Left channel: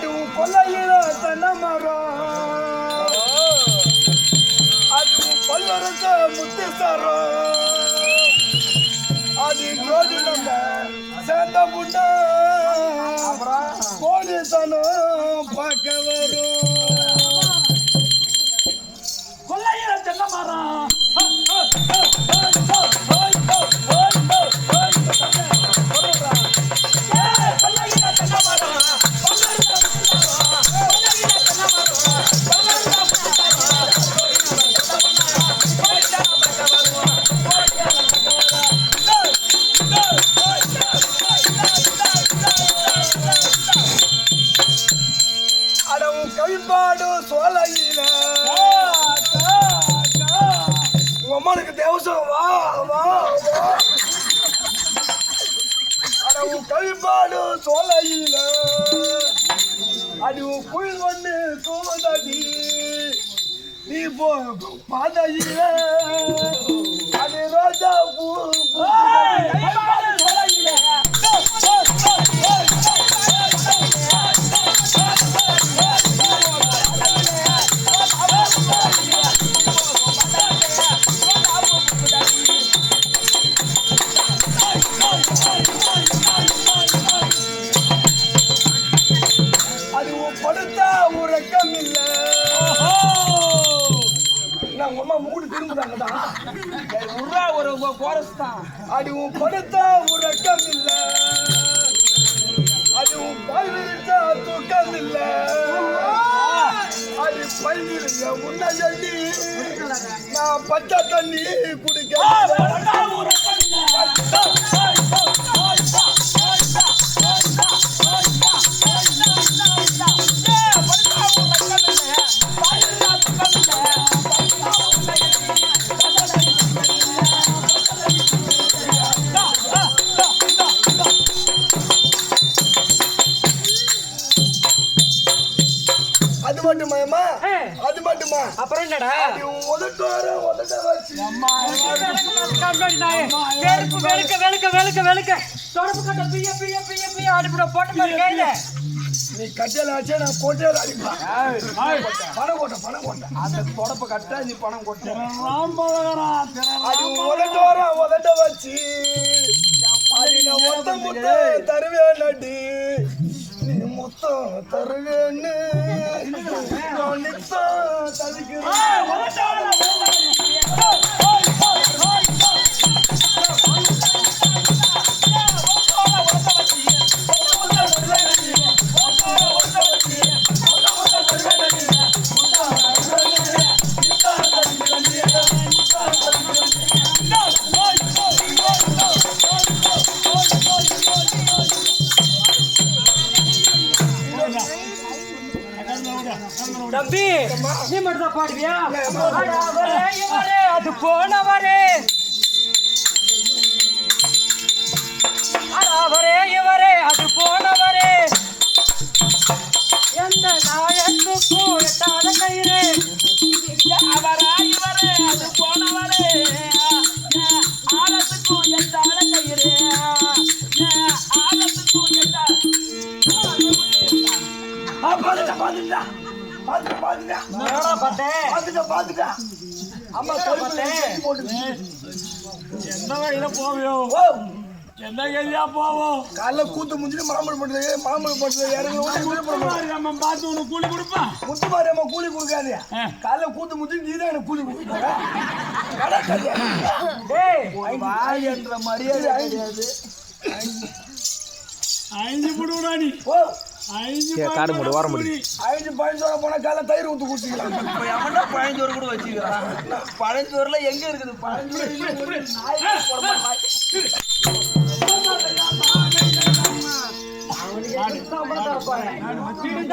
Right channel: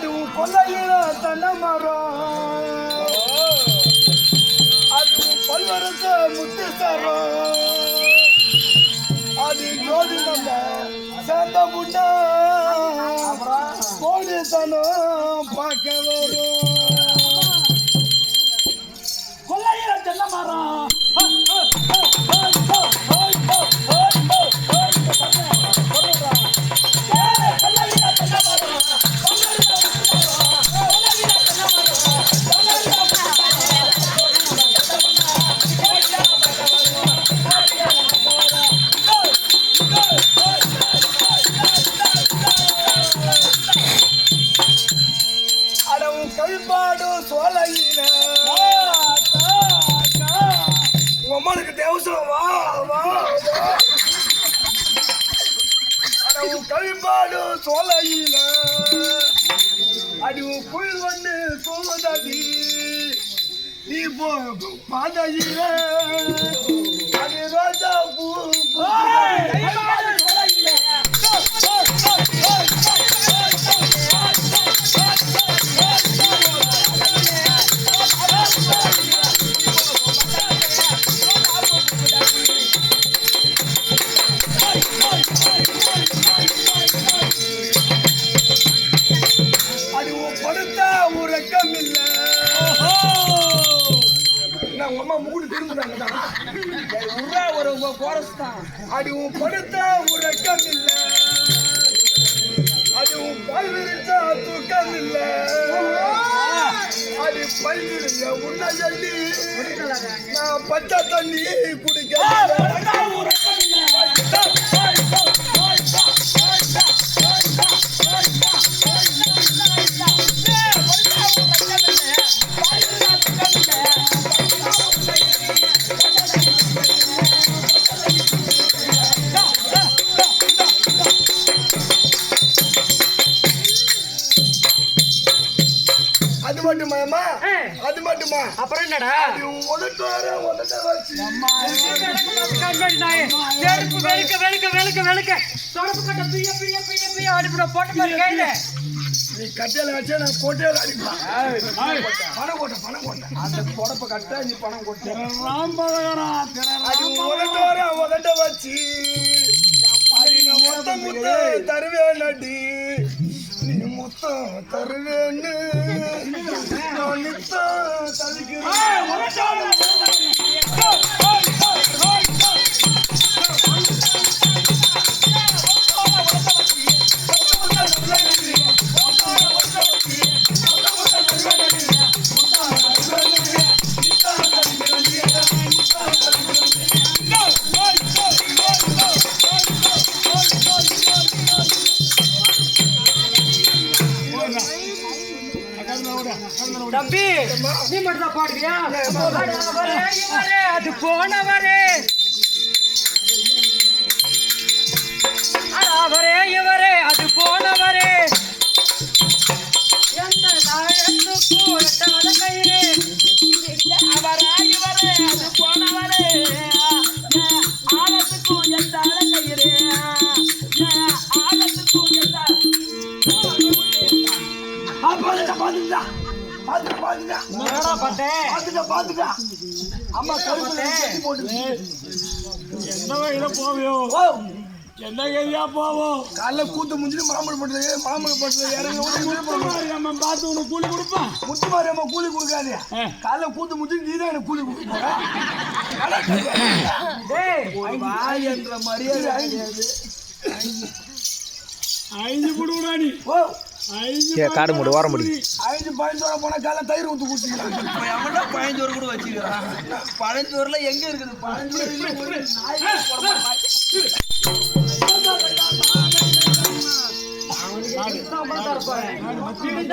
ಅದು உன் கொல்லையில தென்னை மரம் அது உன் பல்வரச முத்து அது ஜோதி நம்ம சேர்ந்த முன்னா கோடித்தனம் பார்க்க வரும். கொள்ளையில தென்னை மரம் உன் அம்மனுக்கு தேவசம். வா வா வா. அட உன் கைப்பாடும் சோலையில. அடி உன் புல் ஒண்ணு தூவதடி நீ போ பாதையில. அது ரோஜா பூ உங்க அம்மா மூடு திரும்புறாங்க தான் உர்ரா ஒரு கோரஸ் தான். அது உன் படுத்தா உறக்கம் இல்ல. அது உன் பால் விரிச்சா தூக்கம் இல்ல. அது பயிரில் உன்னை நான் பச்சை தண்ணி குடிக்க அது மட்டுமாயம்மா அது மட்டுமா? அப்புறம் என்னடா? அது உன் உதட்டு வர உதட்ட வச்சு. வெளுக்க வெளுக்க வெளுக்க வெளுக்க வெளுக்க தொடப்பு கட்ட பிய பிய பிய பிய. அடிப்பட போட்டு பாரு கையில. நீ கட்டையில வச்சா நான் கோட்டையில அடிப்பேன். பணம் கோட்டை பணம் கோட்டை அந்த தொடப்ப கட்ட நீ பணம் கொட்டு அது உதட்ட வர உதட்ட வச்சு. தருவேன் அடி நீ மொத்தம் தருவேன்னு. நான் தம்பி நீ மட்டும் தான் பாடுவியா? அது போனவரே. அவரே இவரே அது போனவரே. எந்த நாயத்துக்கும் எட்டாத கயிறு? அவரா இவரே அது போனவரே. ஆழத்துக்கும் எந்த கயிறு. பாத்துக்க. என்னடா பார்த்தேன் பாத்துக்க பாத்துக்க. அம்மா கழுத்துல போட்டு போவியோ? ஓ. எந்த கையிலயா போவோம் காலைல கூத்து முடிஞ்சுட்டு மாம்பழம் போட்டு மாம்பழம் போட்டு இறங்கி பார்த்து உனக்கு கூலி கொடுப்பான் முத்து மாரியம்மா கூலி கொடுக்காதே. காலைல கூத்து முடிச்சு நீ தான் எனக்கு கூலி கொடுக்க என்ற மரியாதை ஐந்து போடுவா நீ. ஓ. காடு மூடு, ஓரம் மூடு. ஐந்து பதினஞ்சு போனா காலைல தயிர் ஊத்து குடிச்சிக்கலாம். இப்ப எவன்டா கூட வச்சுக்கிறான்? பழஞ்சோறுல எங்க இருக்குது பழஞ்சோறு நாய் போட மாட்டான் அவனுக்கு